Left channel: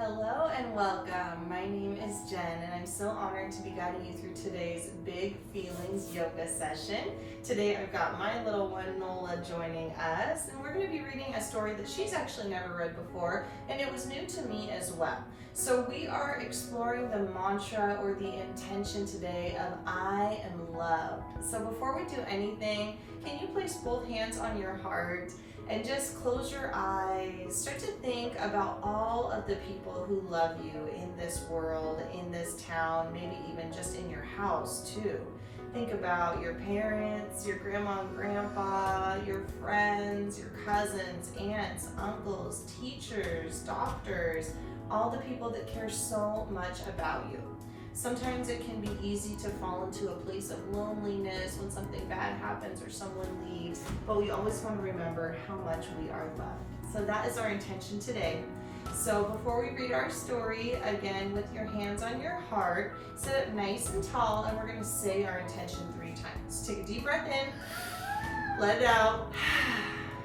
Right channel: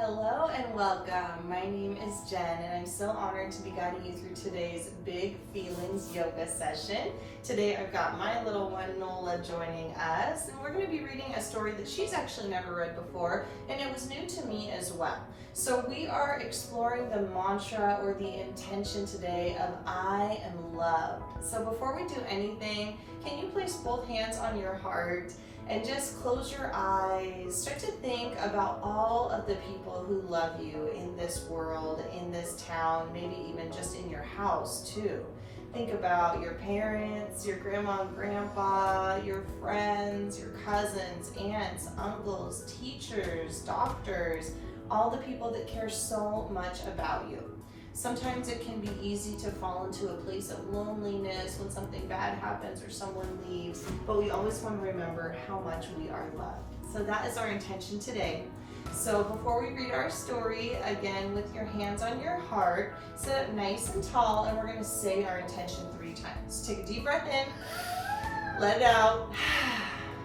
Hello and welcome. My name is Jen and I'm so honored to be guiding you through today's Big Feelings yoga session. Today I've got my little one Nola joining us and we're going to be reading a story that she's actually never read before and it was new to me as well. So we are exploring the mantra or the intention today of I am loved. So before we do anything, can you place both hands on your heart and just close your eyes. Start to think about all of the people who love you in this world, in this town, maybe even just in your house too. Think about your parents, your grandma and grandpa, your friends, your cousins, aunts, uncles, teachers, doctors, all the people that care so much about you. Sometimes it can be easy to fall into a place of loneliness when something bad happens or someone leaves, but we always want to remember how much we are loved. So that is our intention today. So before we read our story, again with your hands on your heart, sit up nice and tall and we're going to say our intention 3 times. Take a deep breath in, let it out.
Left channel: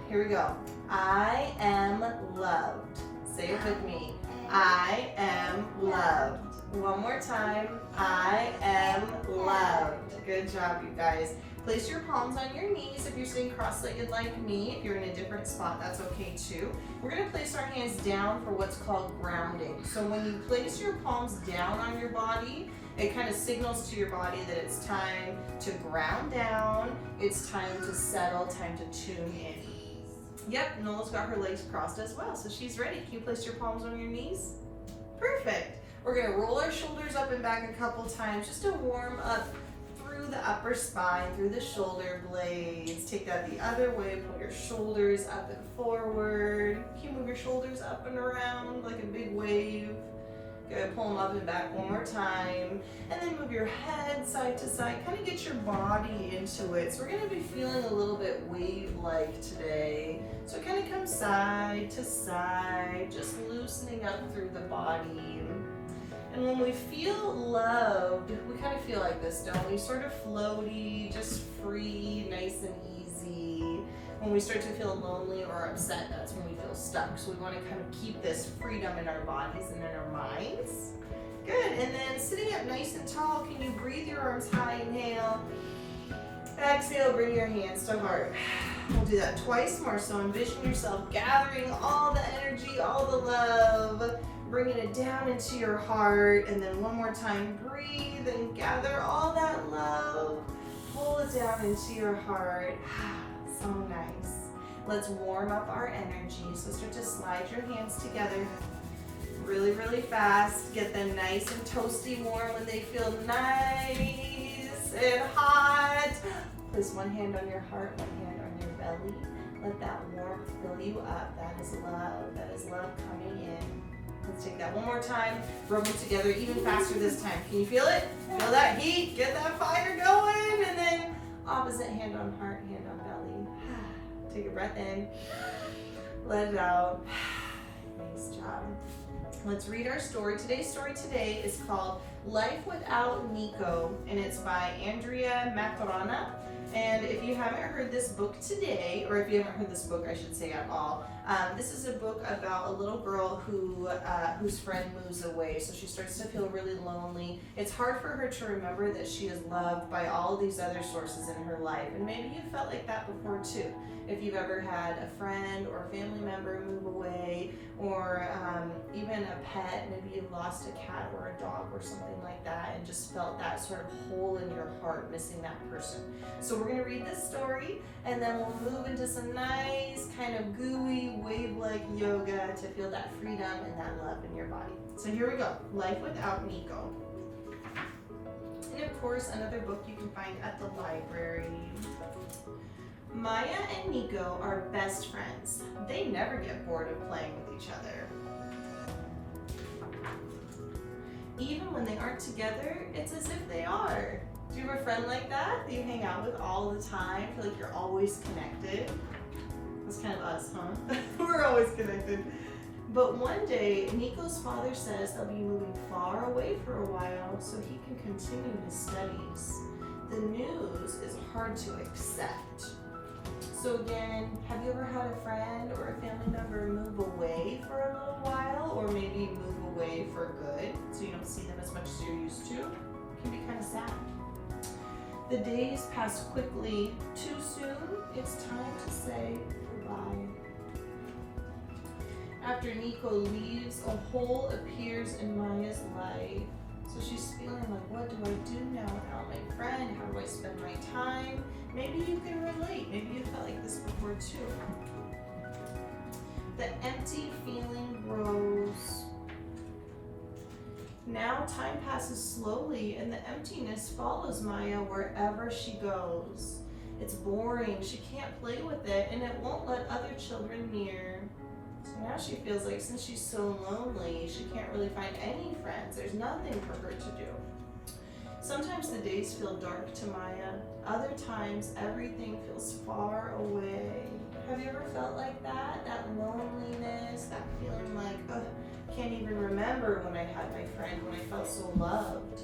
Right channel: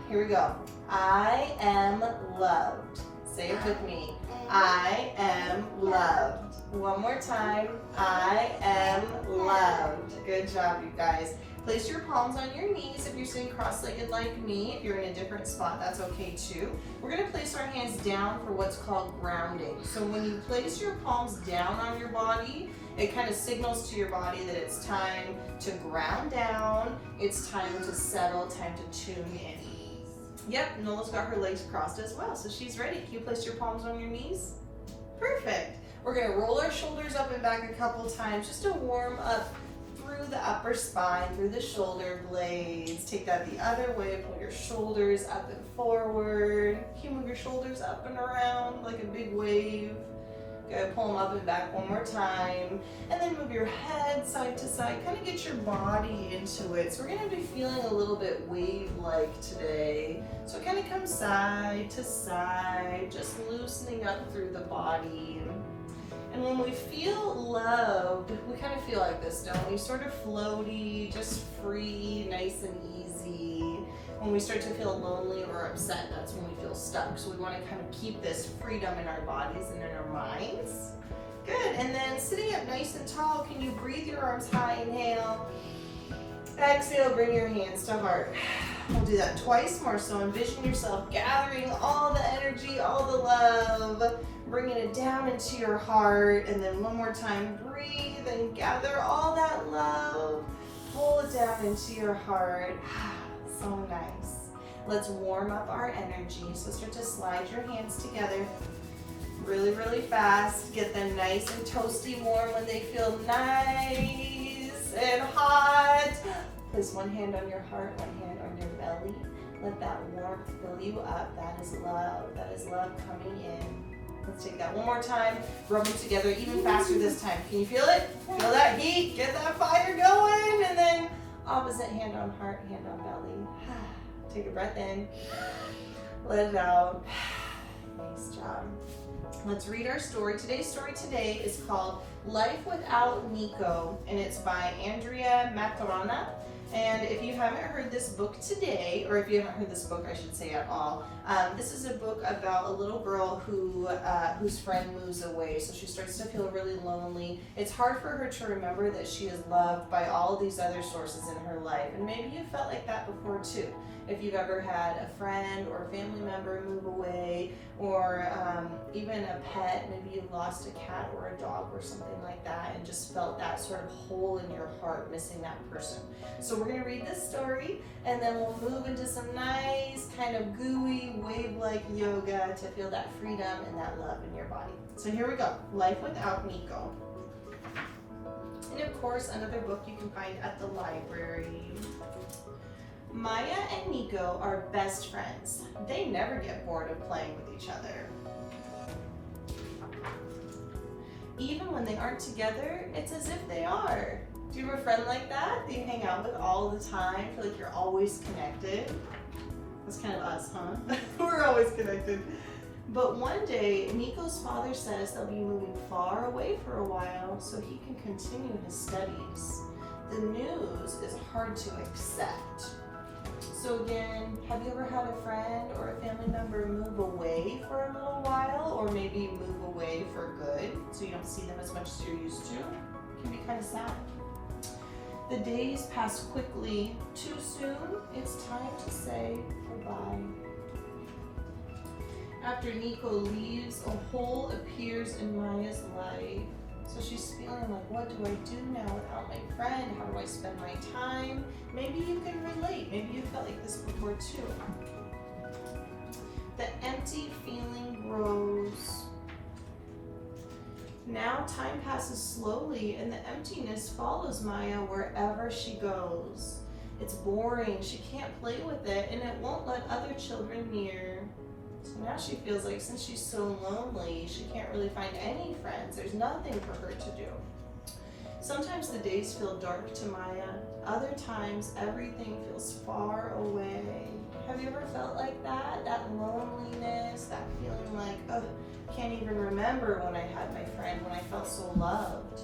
Here we go. I am loved. Say it with me. I am loved. One more time. I am loved. Good job, you guys. Place your palms on your knees if you're sitting cross-legged like me. If you're in a different spot, that's okay too. We're going to place our hands down for what's called grounding. So when you place your palms down on your body, it kind of signals to your body that it's time to ground down. It's time to settle, time to tune in. Yep, Nola's got her legs crossed as well, so she's ready. Can you place your palms on your knees? Perfect. We're going to roll our shoulders up and back a couple times just to warm up through the upper spine, through the shoulder blades. Take that the other way, pull your shoulders up and forward. Can you move your shoulders up and around like a big wave? Good, pull them up and back one more time. And then move your head side to side, kind of get your body into it. So we're gonna be feeling a little bit wave-like today. So kind of come side to side, just loosening up through the body. And when we feel loved, we kind of feel like this, don't we? Sort of floaty, just free, nice and easy. When we start to feel lonely or upset, that's when we feel stuck. So we want to kind of keep this freedom in our bodies and in our minds. Good, and then sitting up nice and tall, can you breathe your arms high? Inhale. Exhale, bring your hands to heart. We'll do that twice more. So envision yourself gathering all the energy, all the love, bringing it down into your heart. And then one more time, breathe and gather all that love. Pull it down into your heart. So nice. Let's warm up our energy. So start to slide your hands together really, really fast. Get them nice and toasty warm when they feel nice and hot. Place one hand on your heart, one hand on your belly. Let that warmth fill you up. That is love. That is love coming in. Let's take that one more time. Rub them together even faster this time. Can you feel it? Feel that heat? Get that fire going. And then opposite hand on heart, hand on belly. Take a breath in. Let it out. Nice job. Let's read our story. Today's story today is called Life Without Nico, and it's by Andrea Maturana. And if you haven't heard this book today, or if you haven't heard this book, I should say at all, this is a book about a little girl who whose friend moves away. So she starts to feel really lonely. It's hard for her to remember that she is loved by all these other sources in her life. And maybe you felt like that before too. If you've ever had a friend or a family member move away, or even a pet, maybe you lost a cat or a dog or something like that and just felt that sort of hole in your heart missing that person. So we're going to read this story and then we'll move into some nice kind of gooey wave-like yoga to feel that freedom and that love in your body. So here we go. Life Without Nico. And of course, another book you can find at the library. Maya and Nico are best friends. They never get bored of playing with each other. Even when they aren't together, it's as if they are. Do you have a friend like that that you hang out with all the time? Feel like you're always connected? That's kind of us, huh? We're always connected. But one day, Nico's father says they'll be moving far away for a while so he can continue his studies. The news is hard to accept. So again, have you ever had a friend or a family member move away for a little while, or maybe move for good, so you don't see them as much as you're used to. It can be kind of sad. The days pass quickly. Too soon, it's time to say goodbye. After Nico leaves, a hole appears in Maya's life. So she's feeling like, what do I do now without my friend? How do I spend my time? Maybe you can relate. Maybe you felt like this before too. The empty feeling grows. Now time passes slowly and the emptiness follows Maya wherever she goes. It's boring, she can't play with it, and it won't let other children near. So now she feels like since she's so lonely, she can't really find any friends. There's nothing for her to do. Sometimes the days feel dark to Maya. Other times, everything feels far away. Have you ever felt like that? That loneliness, that feeling like, oh, can't even remember when I had my friend, when I felt so loved.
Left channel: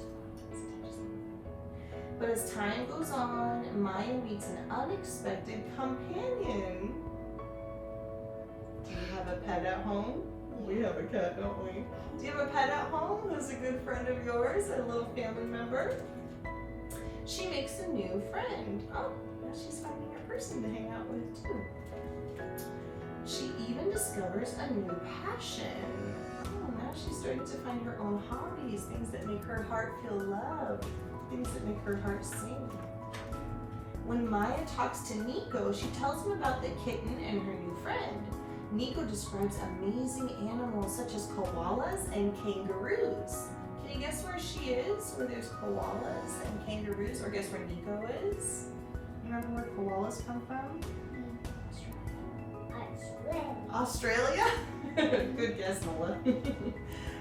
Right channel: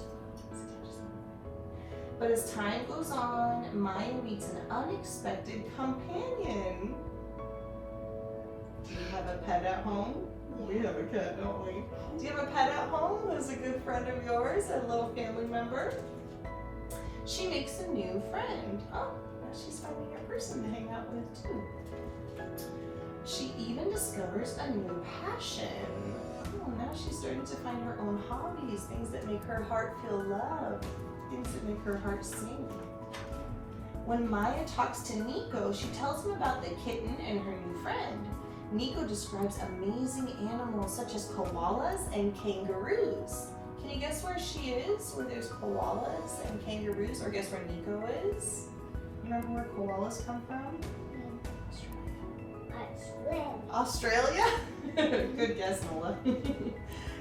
But as time goes on, Maya meets an unexpected companion. Do you have a pet at home? We have a cat, don't we? Do you have a pet at home who's a good friend of yours, a little family member? She makes a new friend. Oh, now she's finding a person to hang out with too. She even discovers a new passion. Oh, now she's starting to find her own hobbies, things that make her heart feel loved, things that make her heart sing. When Maya talks to Nico, she tells him about the kitten and her new friend. Nico describes amazing animals such as koalas and kangaroos. Can you guess where she is, where there's koalas and kangaroos, or guess where Nico is? Remember where koalas come from? Australia? Good guess, Nola.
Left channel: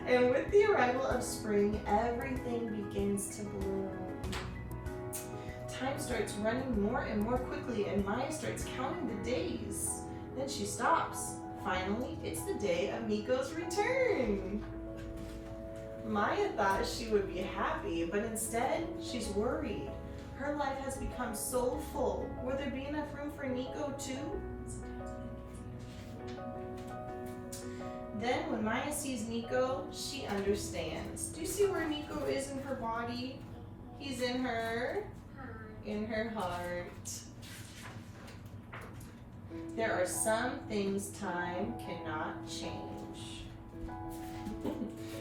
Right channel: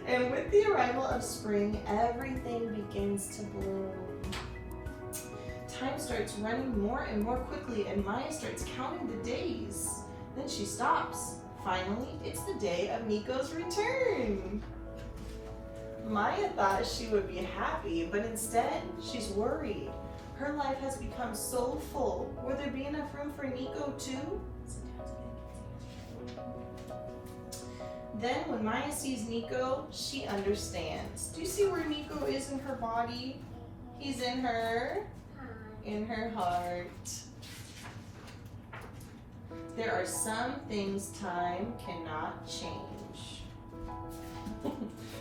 And with the arrival of spring, everything begins to bloom. Time starts running more and more quickly, and Maya starts counting the days. Then she stops. Finally, it's the day of Nico's return. Maya thought she would be happy, but instead, she's worried. Her life has become so full. Will there be enough room for Nico too? Then when Maya sees Nico, she understands. Do you see where Nico is in her body? He's in her heart. There are some things time cannot change.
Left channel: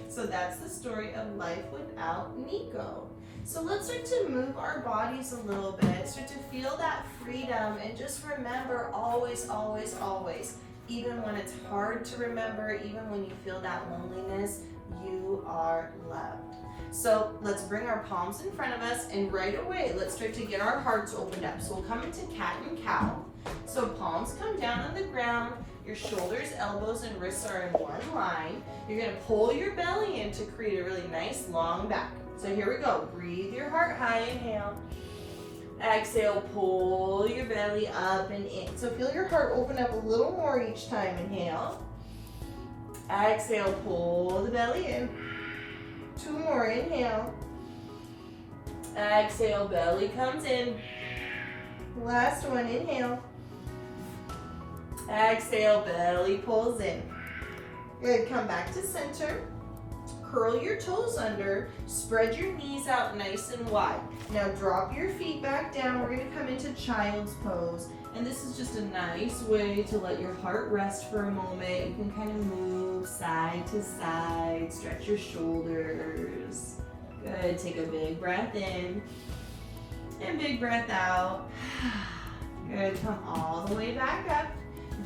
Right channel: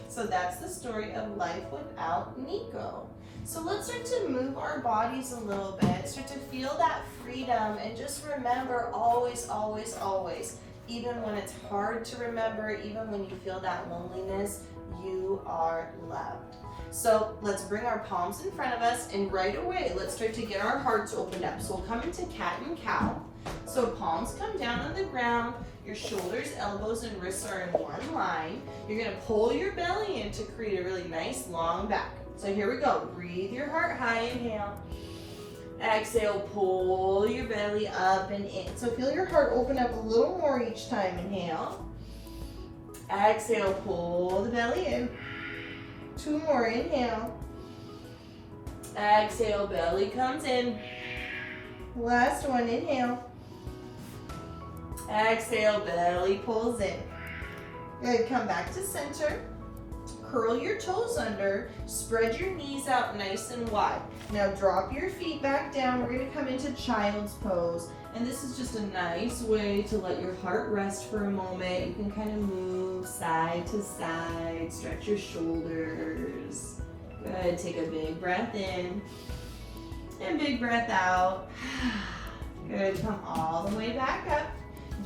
So that's the story of life without Nico. So let's start to move our bodies a little bit, start to feel that freedom, and just remember always, always, always, even when it's hard to remember, even when you feel that loneliness, you are loved. So let's bring our palms in front of us, and right away, let's start to get our hearts opened up. So we'll come into cat and cow. So palms come down on the ground, your shoulders, elbows, and wrists are in one line. You're gonna pull your belly in to create a really nice long back. So here we go, breathe your heart high, inhale. Exhale, pull your belly up and in. So feel your heart open up a little more each time, inhale. Exhale, pull the belly in. 2 more, inhale. Exhale, belly comes in. Last one, inhale. Exhale, belly pulls in. Good, come back to center. Curl your toes under, spread your knees out nice and wide. Now drop your feet back down. We're gonna come into child's pose. And this is just a nice way to let your heart rest for a moment. You can kind of move side to side, stretch your shoulders. Good, take a big breath in and big breath out. Good, come all the way back up.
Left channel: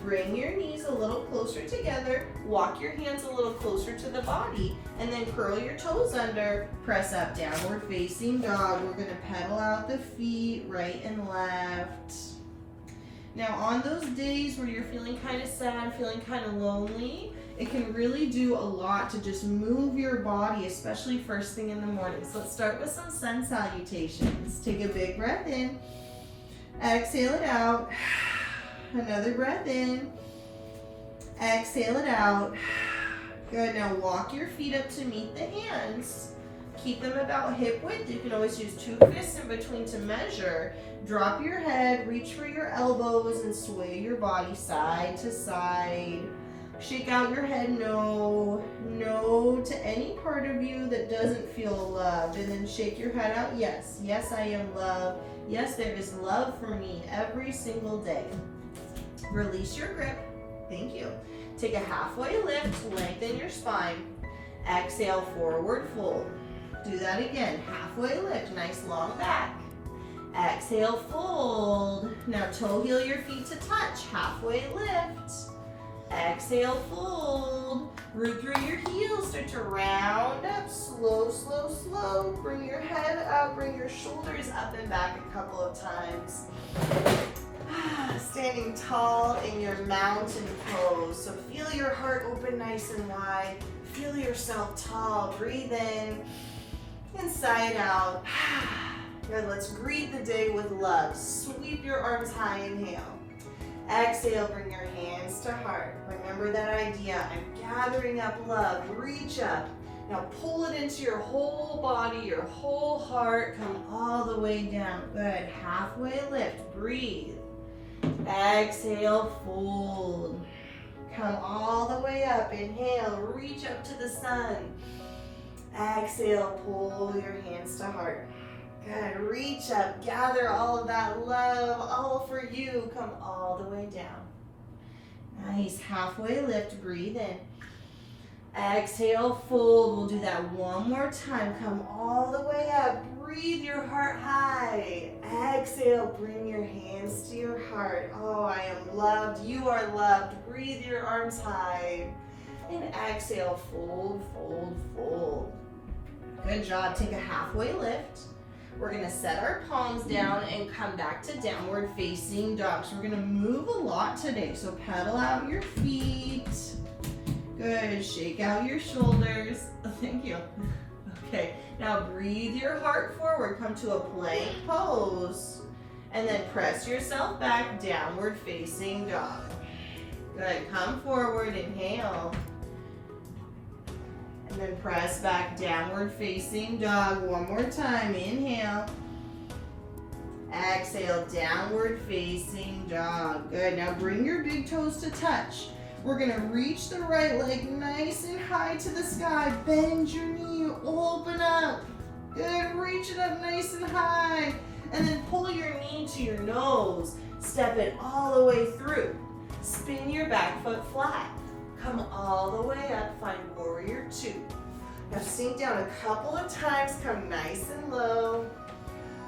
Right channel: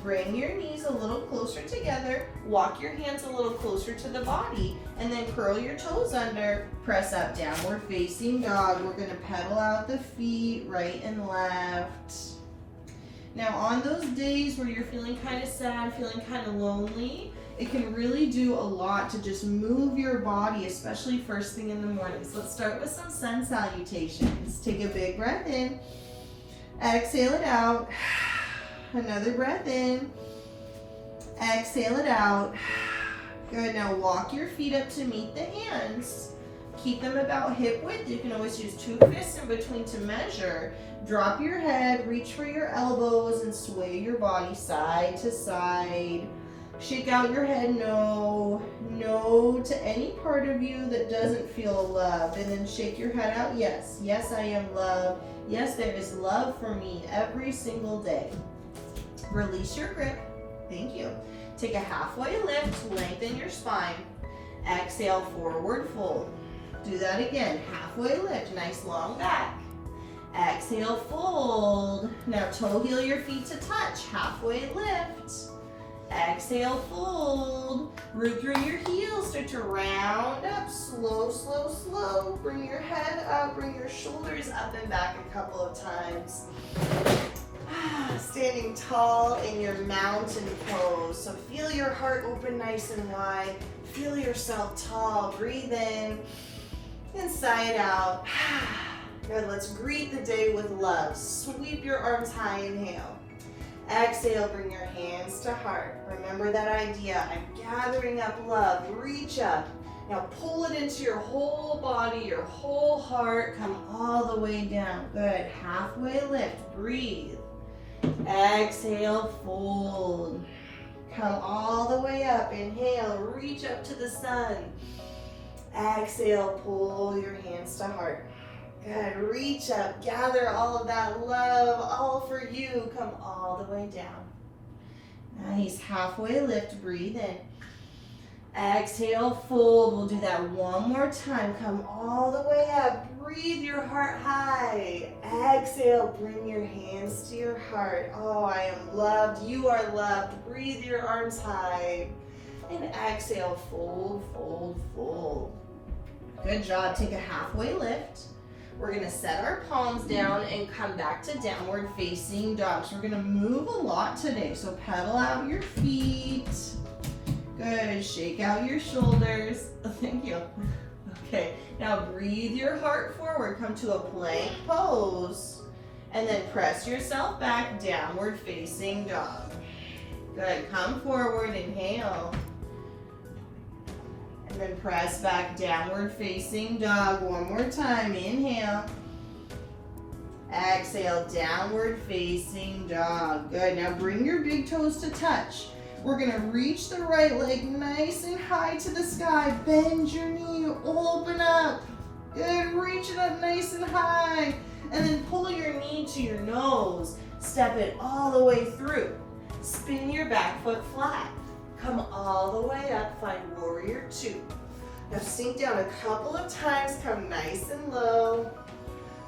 Bring your knees a little closer together. Walk your hands a little closer to the body. And then curl your toes under. Press up, downward facing dog. We're gonna pedal out the feet, right and left. Now on those days where you're feeling kind of sad, feeling kind of lonely, it can really do a lot to just move your body, especially first thing in the morning. So let's start with some sun salutations. Take a big breath in. Exhale it out. Another breath in. Exhale it out. Good, now walk your feet up to meet the hands. Keep them about hip width. You can always use 2 fists in between to measure. Drop your head, reach for your elbows, and sway your body side to side. Shake out your head, no point to any part of you that doesn't feel loved, and then shake your head out. Yes, yes, I am loved. Yes, there is love for me every single day. Release your grip. Thank you. Take a halfway lift, lengthen your spine. Exhale, forward fold. Do that again. Halfway lift, nice long back. Exhale, fold. Now toe heel your feet to touch. Halfway lift. Exhale, fold. Root through your heels. Start to round up. Slow, slow, slow. Bring your head up. Bring your shoulders up and back a couple of times. Standing tall in your mountain pose. So feel your heart open nice and wide. Feel yourself tall. Breathe in. Inside out. Good, let's greet the day with love. Sweep your arms high, inhale. Exhale, bring your hands to heart. Remember that idea, I'm gathering up love, reach up. Now pull it into your whole body, your whole heart, come all the way down. Good, halfway lift, breathe. Exhale, fold. Come all the way up, inhale, reach up to the sun. Exhale, pull your hands to heart. Good, reach up, gather all of that love, all for you. Come all the way down. Nice, halfway lift, breathe in. Exhale, fold. We'll do that one more time. Come all the way up, breathe your heart high. Exhale, bring your hands to your heart. Oh, I am loved, you are loved. Breathe your arms high. And exhale, fold, fold, fold. Good job, take a halfway lift. We're gonna set our palms down and come back to downward facing dog. So we're gonna move a lot today. So pedal out your feet. Good, shake out your shoulders. Thank you. Okay, now breathe your heart forward. Come to a plank pose. And then press yourself back, downward facing dog. Good, come forward, inhale. And then press back, downward facing dog. One more time, inhale. Exhale, downward facing dog. Good, now bring your big toes to touch. We're gonna reach the right leg nice and high to the sky. Bend your knee, open up. Good, reach it up nice and high. And then pull your knee to your nose. Step it all the way through. Spin your back foot flat. Come all the way up, find warrior two. Now sink down a couple of times, come nice and low.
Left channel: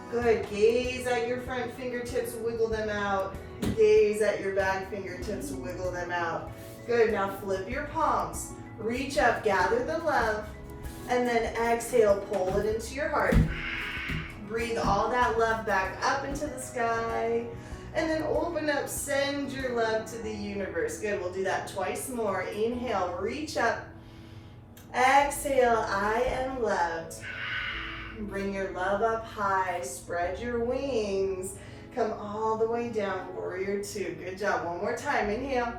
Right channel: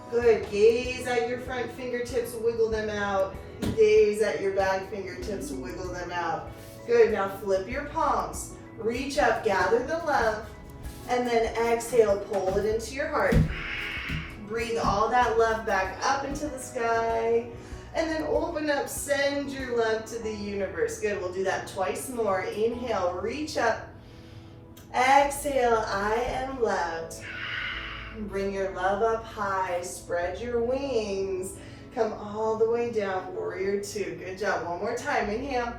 Good, gaze at your front fingertips, wiggle them out. Gaze at your back fingertips, wiggle them out. Good, now flip your palms. Reach up, gather the love, and then exhale, pull it into your heart. Breathe all that love back up into the sky. And then open up, send your love to the universe. Good, we'll do that twice more. Inhale, reach up. Exhale, I am loved. Bring your love up high, spread your wings. Come all the way down, warrior two. Good job, one more time, inhale.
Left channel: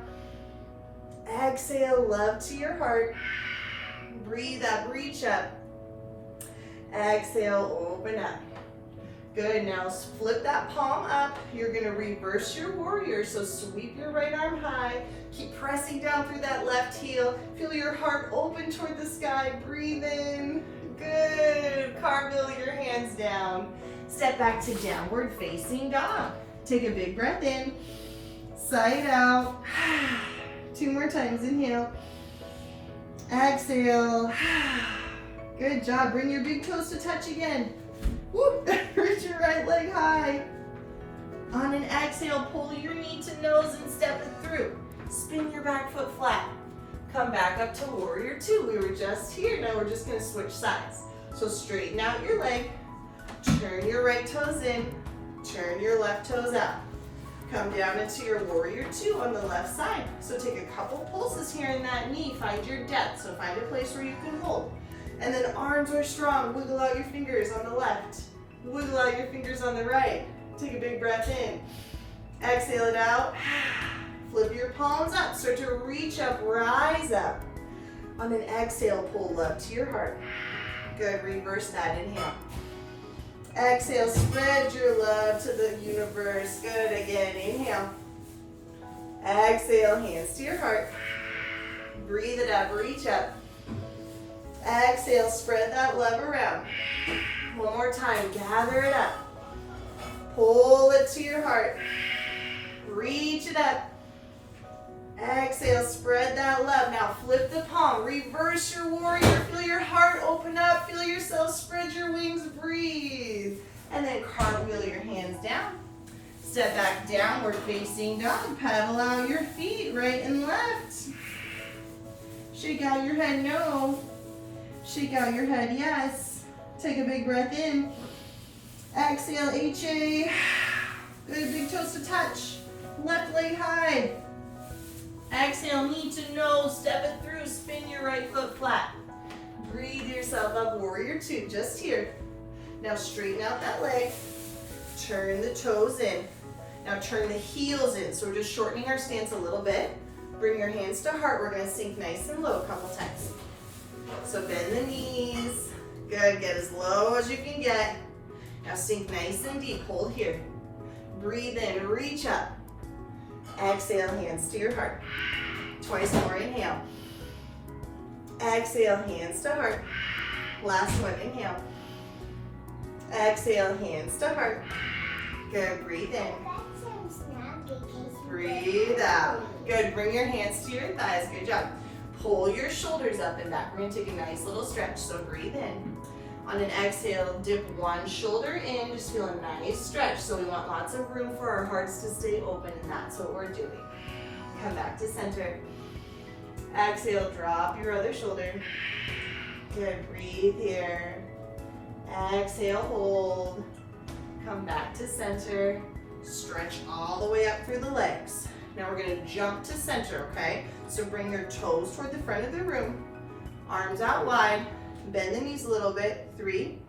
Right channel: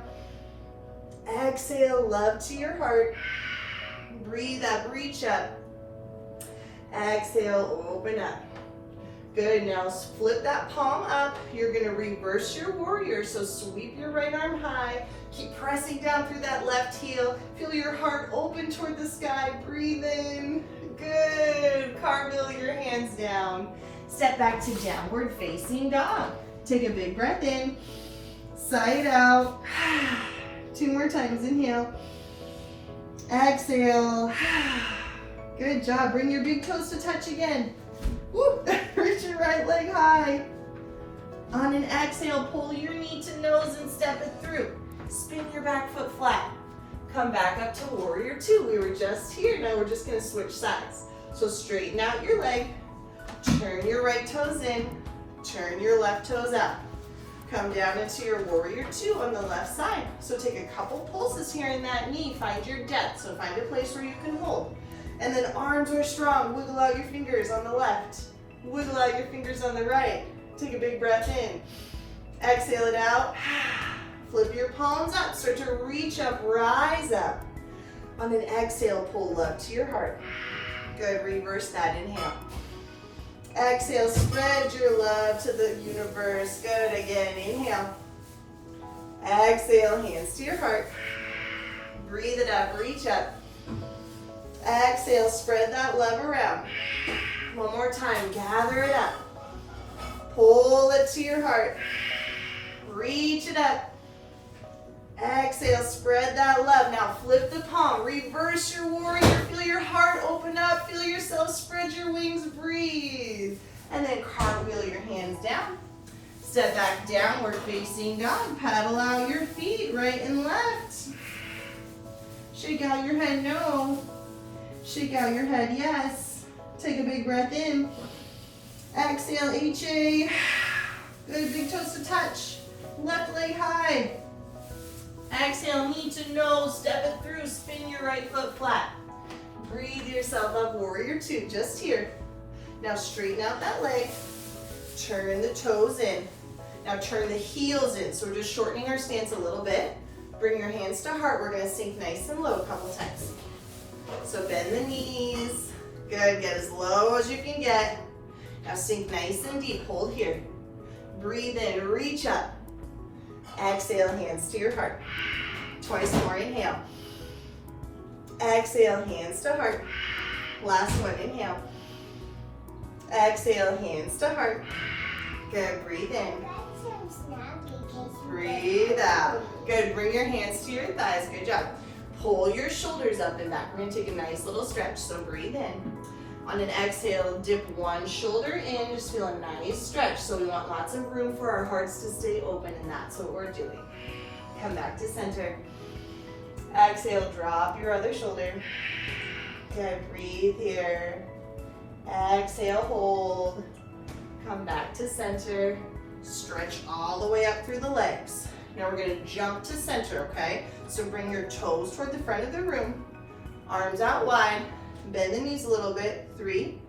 Exhale, love to your heart. Breathe up, reach up. Exhale, open up. Good, now flip that palm up. You're gonna reverse your warrior, so sweep your right arm high. Keep pressing down through that left heel. Feel your heart open toward the sky. Breathe in. Good, cartwheel your hands down. Step back to downward facing dog. Take a big breath in, side out. 2 more times, inhale. Exhale. Good job, bring your big toes to touch again. Woo. Reach your right leg high. On an exhale, pull your knee to nose and step it through. Spin your back foot flat. Come back up to warrior two. We were just here, now we're just gonna switch sides. So straighten out your leg, turn your right toes in, turn your left toes out. Come down into your warrior two on the left side. So take a couple pulses here in that knee, find your depth. So find a place where you can hold. And then arms are strong, wiggle out your fingers on the left. Wiggle out your fingers on the right. Take a big breath in. Exhale it out. Flip your palms up, start to reach up, rise up. On an exhale, pull love to your heart. Good, reverse that, inhale. Exhale, spread your love to the universe. Good, again, inhale. Exhale, hands to your heart. Breathe it up, reach up. Exhale, spread that love around. One more time, gather it up. Pull it to your heart. Reach it up. Exhale, spread that love. Now flip the palm, reverse your warrior. Feel your heart open up. Feel yourself spread your wings, breathe. And then cartwheel your hands down. Step back, downward facing dog. Paddle out your feet, right and left. Shake out your head, no. Shake out your head, yes. Take a big breath in. Exhale, HA. Good, big toes to touch. Left leg high. Exhale, knee to nose, step it through, spin your right foot flat. Breathe yourself up, warrior two, just here. Now straighten out that leg. Turn the toes in. Now turn the heels in. So we're just shortening our stance a little bit. Bring your hands to heart. We're gonna sink nice and low a couple times. So bend the knees. Good, get as low as you can get. Now sink nice and deep, hold here. Breathe in, reach up. Exhale, hands to your heart. Twice more, inhale. Exhale, hands to heart. Last one, inhale. Exhale, hands to heart. Good, breathe in. Breathe out. Good, bring your hands to your thighs, good job. Pull your shoulders up and back. We're gonna take a nice little stretch, so breathe in. On an exhale, dip one shoulder in, just feel a nice stretch. So we want lots of room for our hearts to stay open, and that's what we're doing. Come back to center. Exhale, drop your other shoulder. Good, breathe here. Exhale, hold. Come back to center. Stretch all the way up through the legs. Now we're gonna jump to center, okay? So bring your toes toward the front of the room. Arms out wide. Bend the knees a little bit. 3,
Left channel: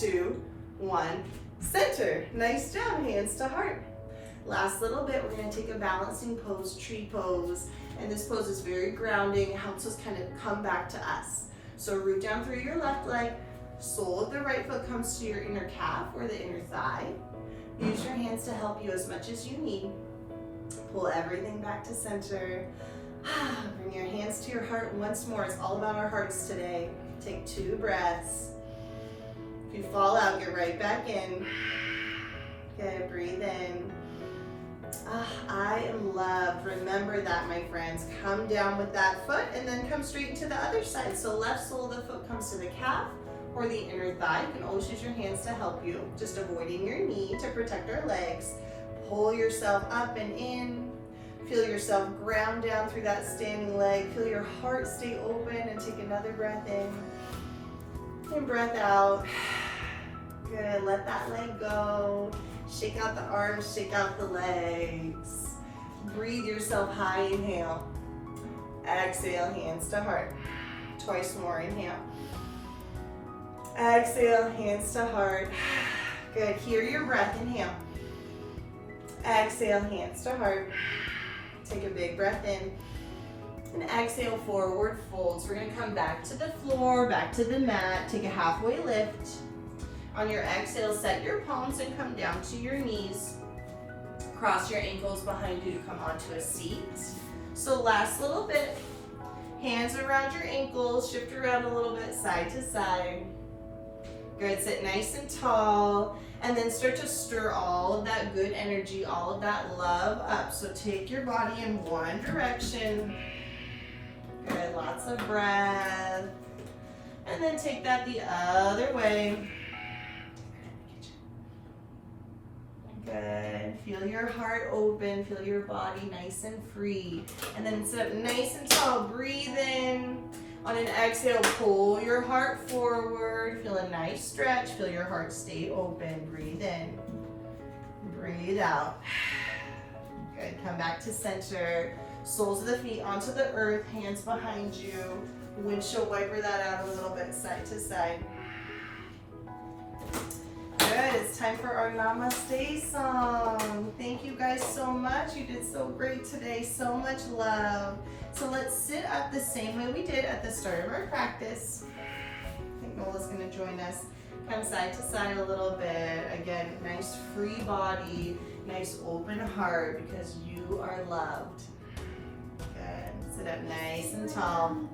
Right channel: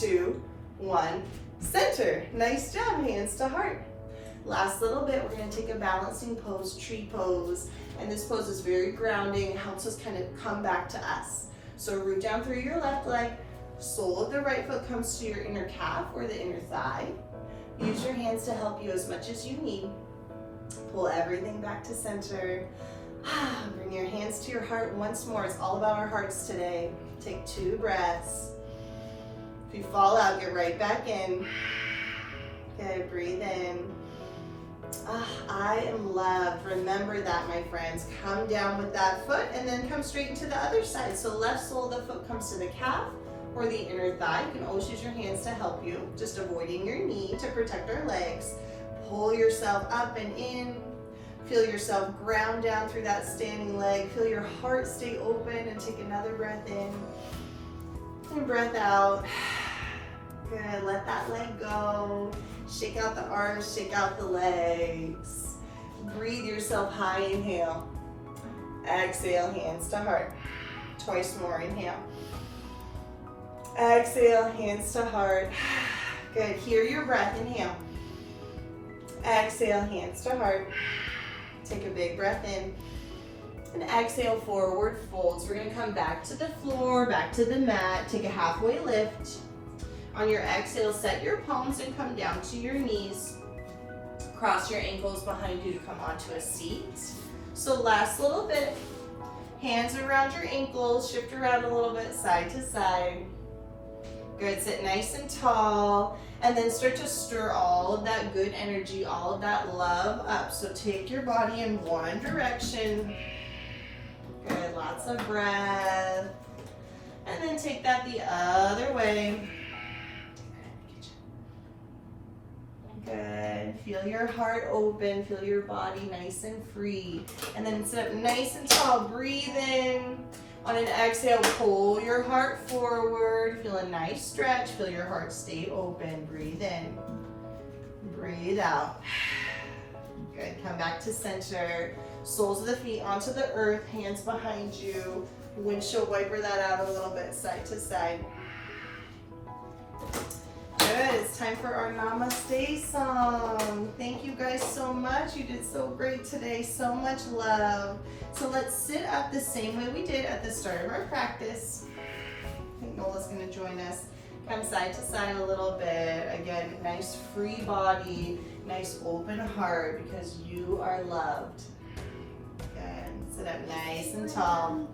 2, 1. Center. Nice job, hands to heart. Last little bit, we're gonna take a balancing pose, tree pose. And this pose is very grounding. It helps us kind of come back to us. So root down through your left leg. Sole of the right foot comes to your inner calf or the inner thigh. Use your hands to help you as much as you need. Pull everything back to center. Bring your hands to your heart once more. It's all about our hearts today. Take 2 breaths. If you fall out, get right back in. Good, breathe in. I am loved. Remember that, my friends. Come down with that foot and then come straight into the other side. So left sole of the foot comes to the calf or the inner thigh. You can always use your hands to help you. Just avoiding your knee to protect our legs. Pull yourself up and in. Feel yourself ground down through that standing leg. Feel your heart stay open and take another breath in. And breath out. Good, let that leg go. Shake out the arms, shake out the legs. Breathe yourself high, inhale. Exhale, hands to heart. Twice more, inhale. Exhale, hands to heart. Good, hear your breath, inhale. Exhale, hands to heart. Take a big breath in. And exhale, forward folds. We're gonna come back to the floor, back to the mat. Take a halfway lift. On your exhale, set your palms and come down to your knees. Cross your ankles behind you to come onto a seat. So last little bit. Hands around your ankles, shift around a little bit, side to side. Good, sit nice and tall. And then start to stir all of that good energy, all of that love up. So take your body in one direction. Good, lots of breath. And then take that the other way. Good, feel your heart open, feel your body nice and free. And then sit up nice and tall, breathe in. On an exhale, pull your heart forward. Feel a nice stretch. Feel your heart stay open. Breathe in. Breathe out. Good. Come back to center. Soles of the feet onto the earth. Hands behind you. Windshield wiper that out a little bit, side to side. Good. It's time for our Namaste song. Thank you guys so much. You did so great today. So much love. So let's sit up the same way we did at the start of our practice. I think Nola's going to join us. Come side to side a little bit. Again, nice free body, nice open heart because you are loved. Good. Sit up nice and tall.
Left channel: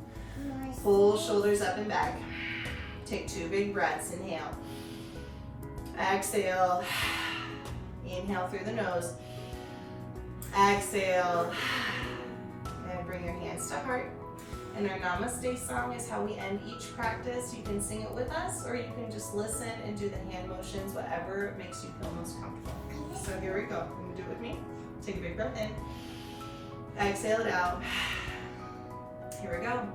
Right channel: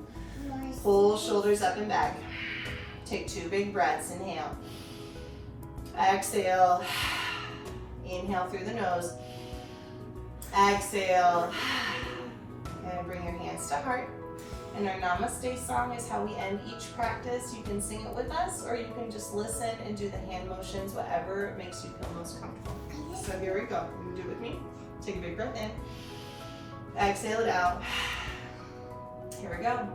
Pull shoulders up and back. Take 2 big breaths. Inhale. Exhale. Inhale through the nose. Exhale. And bring your hands to heart. And our Namaste song is how we end each practice. You can sing it with us, or you can just listen and do the hand motions, whatever makes you feel most comfortable. So here we go. You can do it with me. Take a big breath in. Exhale it out. Here we go.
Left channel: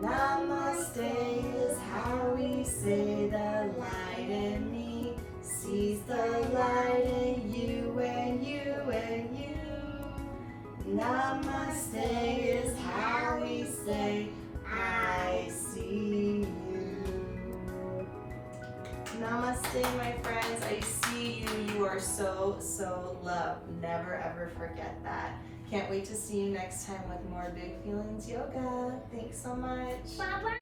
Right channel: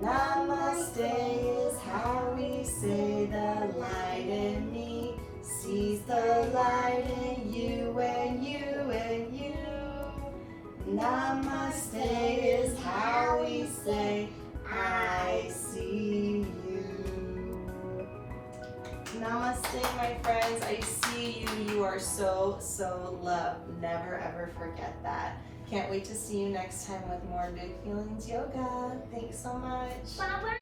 Namaste is how we say the light in me sees the light in you and you and you. Namaste is how we say I see you. Namaste, my friends. I see you. You are so, so loved. Never, ever forget that. Can't wait to see you next time with more Big Feelings Yoga. Thanks so much. Bye-bye.